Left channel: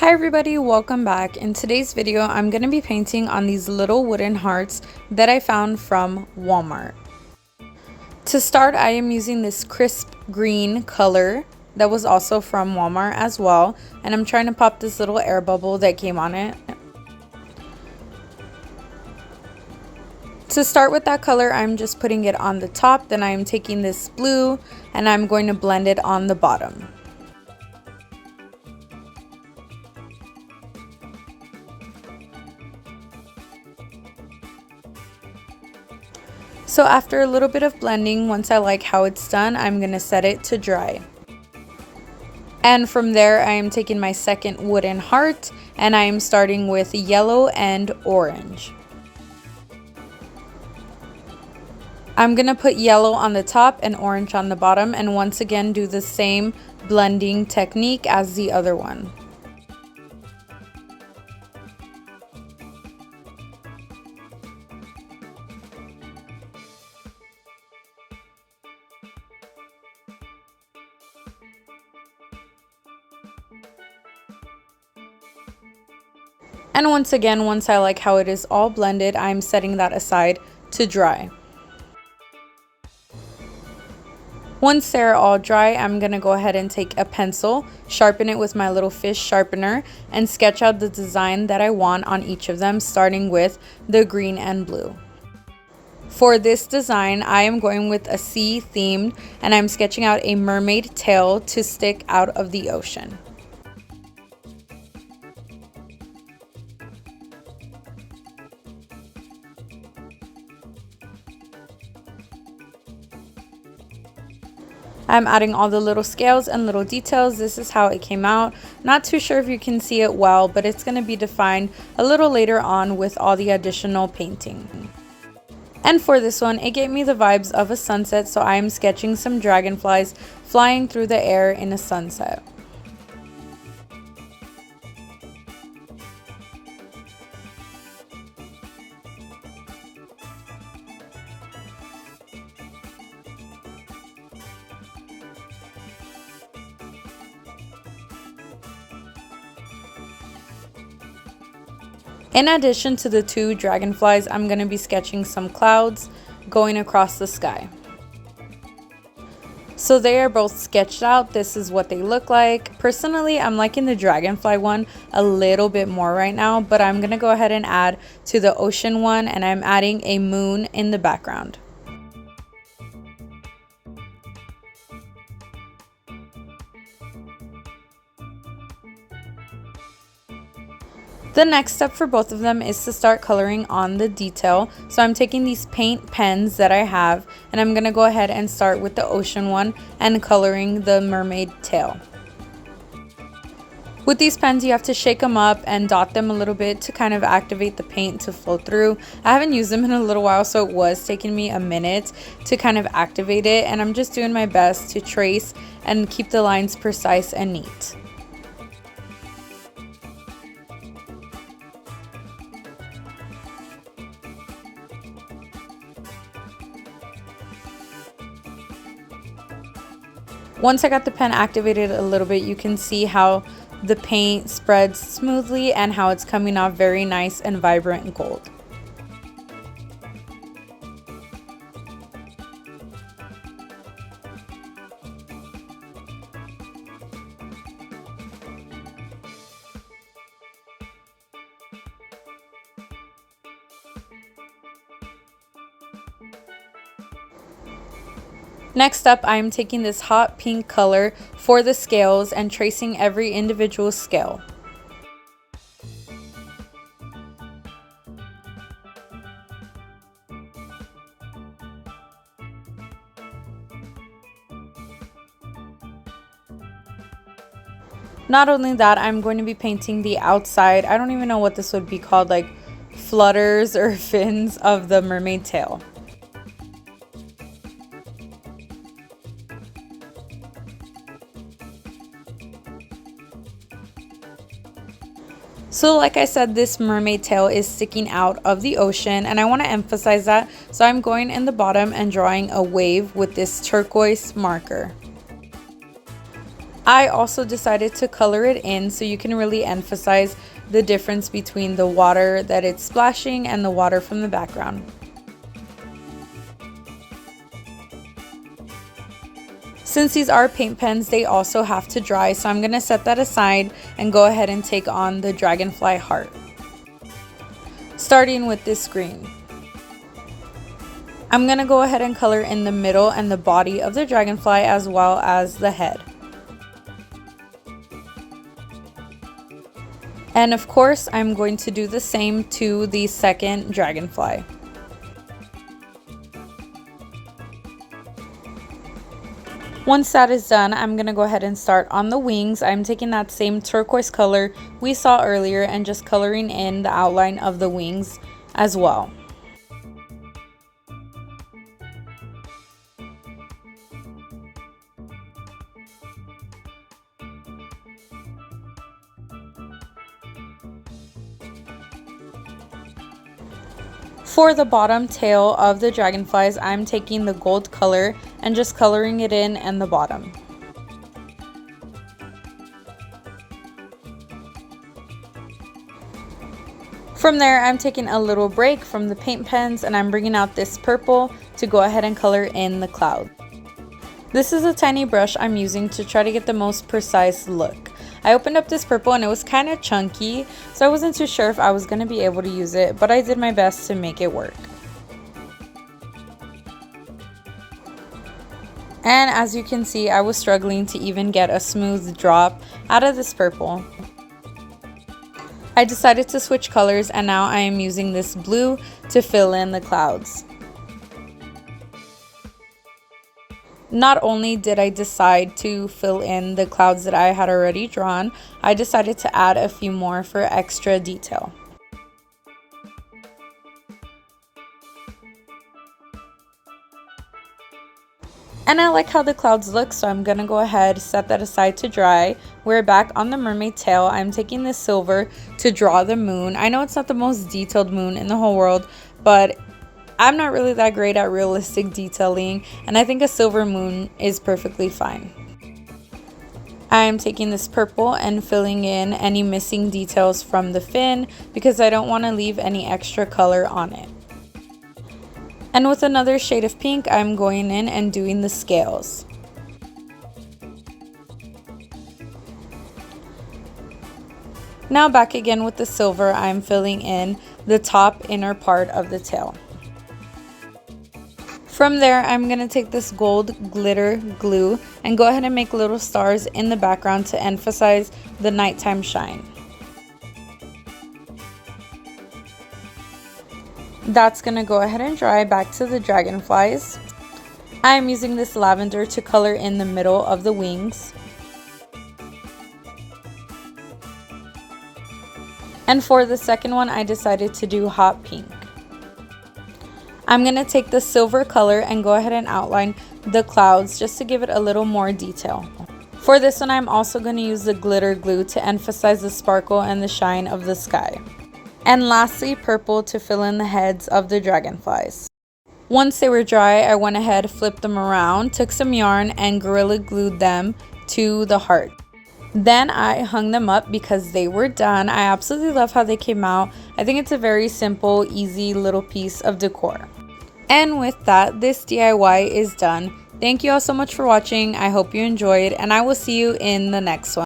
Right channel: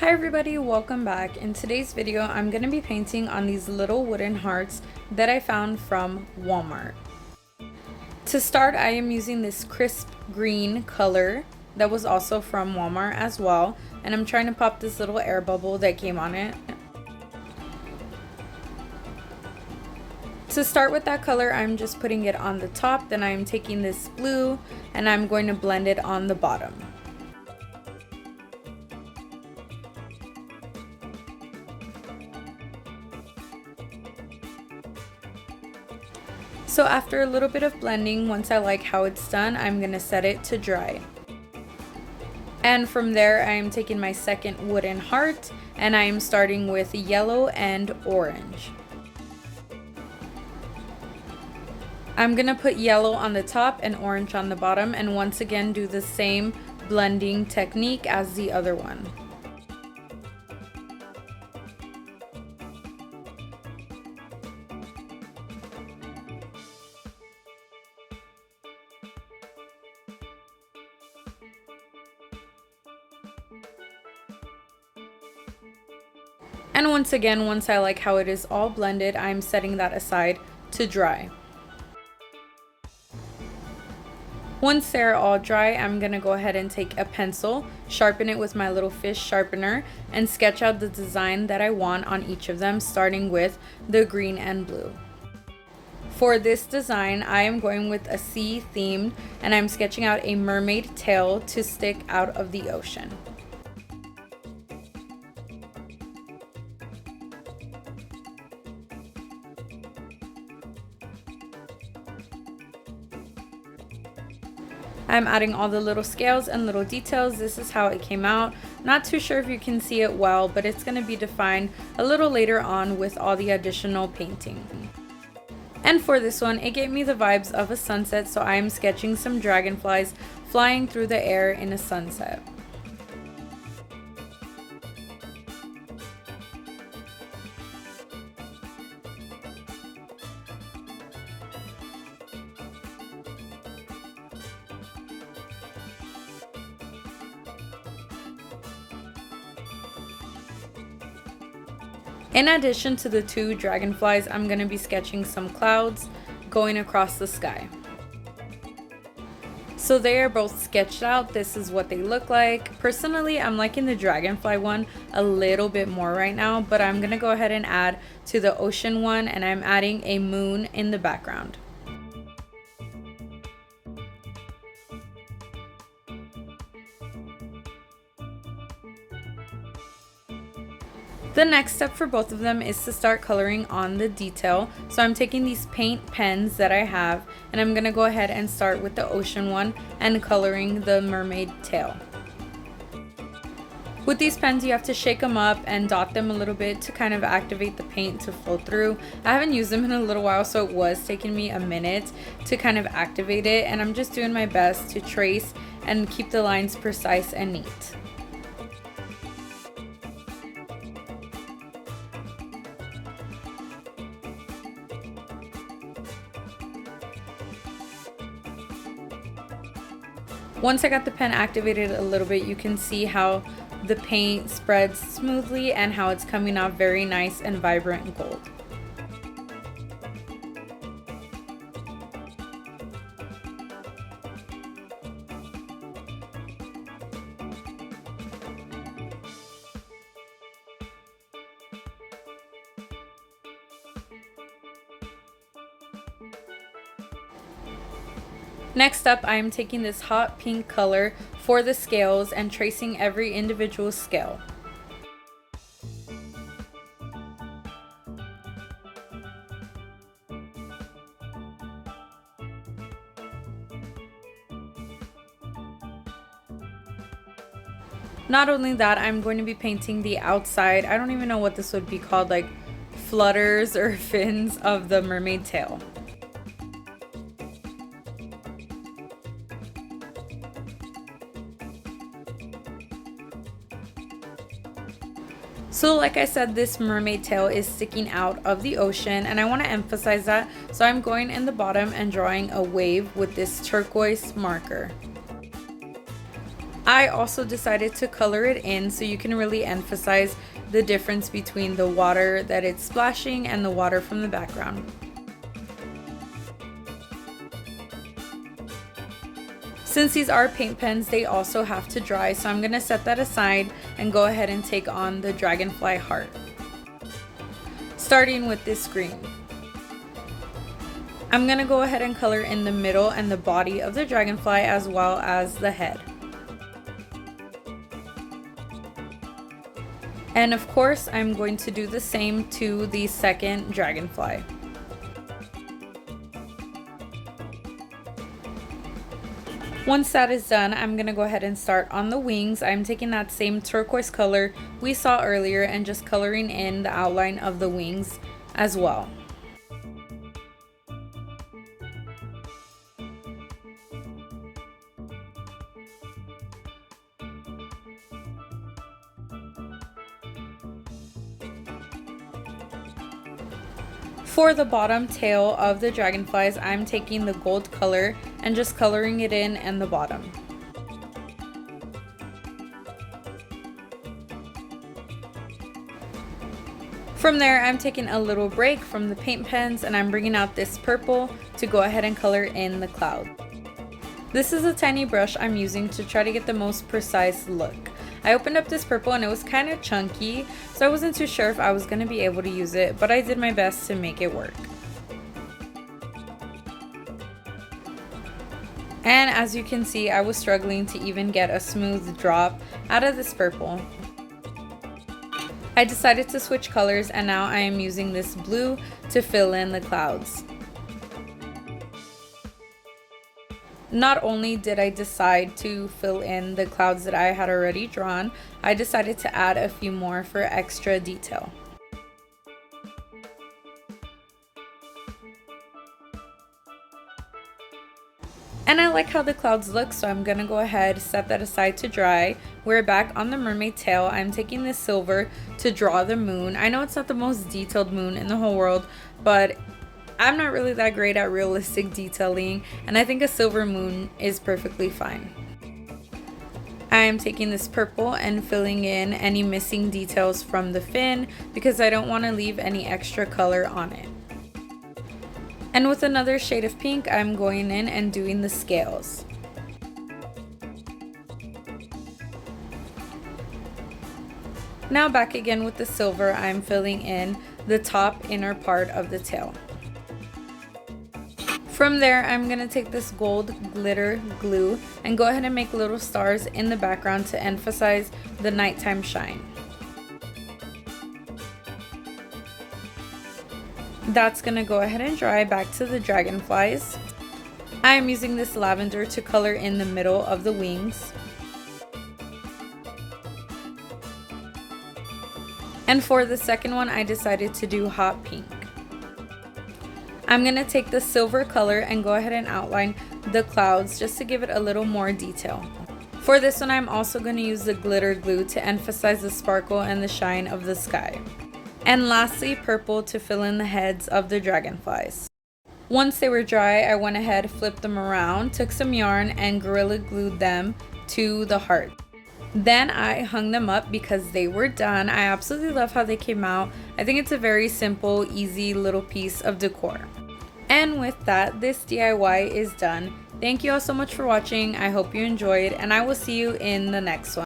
Hi everybody, welcome back. In today's video, I'm going to be painting on these little wooden hearts that I found from Walmart. To start, I am using this crisp green color that was also from Walmart as well, and I'm trying to pop this little air bubble that came on it. To start with that color, I'm just putting it on the top, then I'm taking this blue and I'm going to blend it on the bottom. So after a little bit of blending, once I like how it's done, I'm going to set it to dry. And from there, I am taking my second wooden heart and I am starting with yellow and orange. I'm going to put yellow on the top and orange on the bottom, and once again do the same blending technique as the other one. And once again, once I like how it is all blended, I'm setting that aside to dry. Once they're all dry, I'm going to go ahead and take a pencil, sharpen it with my little fish sharpener, and sketch out the design that I want on each of them, starting with the green and blue. For this design, I am going with a sea theme, and I'm sketching out a mermaid tail to stick out of the ocean. I'm adding all the little scales and little details. This is how it came out. Not too sure if you can see it well, but it's going to be defined a little later on with all the additional painting. And for this one, it gave me the vibes of a sunset, so I'm sketching some dragonflies flying through the air in a sunset. In addition to the two dragonflies, I'm going to be sketching some clouds going across the sky. So they are both sketched out. This is what they look like. Personally, I'm liking the dragonfly one a little bit more right now, but I'm going to go ahead and add to the ocean one, and I'm adding a moon in the background. The next step for both of them is to start coloring on the detail. So I'm taking these paint pens that I have, and I'm going to go ahead and start with the ocean one and coloring the mermaid tail. With these pens, you have to shake them up and dot them a little bit to kind of activate the paint to flow through. I haven't used them in a little while, so it was taking me a minute to kind of activate it, and I'm just doing my best to trace and keep the lines precise and neat. Once I got the pen activated a little bit, you can see how the paint spreads smoothly and how it's coming out very nice and vibrant gold. Next up, I'm taking this hot pink color for the scales and tracing every individual scale. Not only that, I'm going to be painting the outside, I don't even know what this would be called, like flutters or fins of the mermaid tail. So like I said, this mermaid tail is sticking out of the ocean, and I want to emphasize that. So I'm going in the bottom and drawing a wave with this turquoise marker. I also decided to color it in so you can really emphasize the difference between the water that it's splashing and the water from the background. Since these are paint pens, they also have to dry, so I'm going to set that aside and go ahead and take on the dragonfly heart. Starting with this green. I'm going to go ahead and color in the middle and the body of the dragonfly as well as the head. And of course, I'm going to do the same to the second dragonfly. Once that is done, I'm going to go ahead and start on the wings. I'm taking that same turquoise color we saw earlier and just coloring in the outline of the wings as well. For the bottom tail of the dragonflies, I'm taking the gold color and just coloring it in and the bottom. From there, I'm taking a little break from the paint pens and I'm bringing out this purple to go ahead and color in the cloud. This is a tiny brush I'm using to try to get the most precise look. I opened up this purple and it was kind of chunky, so I wasn't too sure if I was going to be able to use it, but I did my best to make it work. And as you can see, I was struggling to even get a smooth drop out of this purple. I decided to switch colors and now I am using this blue to fill in the clouds. Not only did I decide to fill in the clouds that I had already drawn, I decided to add a few more for extra detail. And I like how the clouds look, so I'm gonna go ahead, set that aside to dry. We're back on the mermaid tail. I'm taking this silver to draw the moon. I know it's not the most detailed moon in the whole world, but I'm not really that great at realistic detailing, and I think a silver moon is perfectly fine. I'm taking this purple and filling in any missing details from the fin because I don't want to leave any extra color on it. And with another shade of pink, I'm going in and doing the scales. Now back again with the silver, I'm filling in the top inner part of the tail. From there, I'm going to take this gold glitter glue and go ahead and make little stars in the background to emphasize the nighttime shine. That's going to go ahead and dry. Back to the dragonflies. I'm using this lavender to color in the middle of the wings. And for the second one, I decided to do hot pink. I'm going to take the silver color and go ahead and outline the clouds just to give it a little more detail. For this one, I'm also going to use the glitter glue to emphasize the sparkle and the shine of the sky. And lastly, purple to fill in the heads of the dragonflies. Once they were dry, I went ahead, flipped them around, took some yarn and gorilla glued them to the heart. Then I hung them up because they were done. I absolutely love how they came out. I think it's a very simple, easy little piece of decor. And with that, this DIY is done. Thank you all so much for watching. I hope you enjoyed, and I will see you in the next one.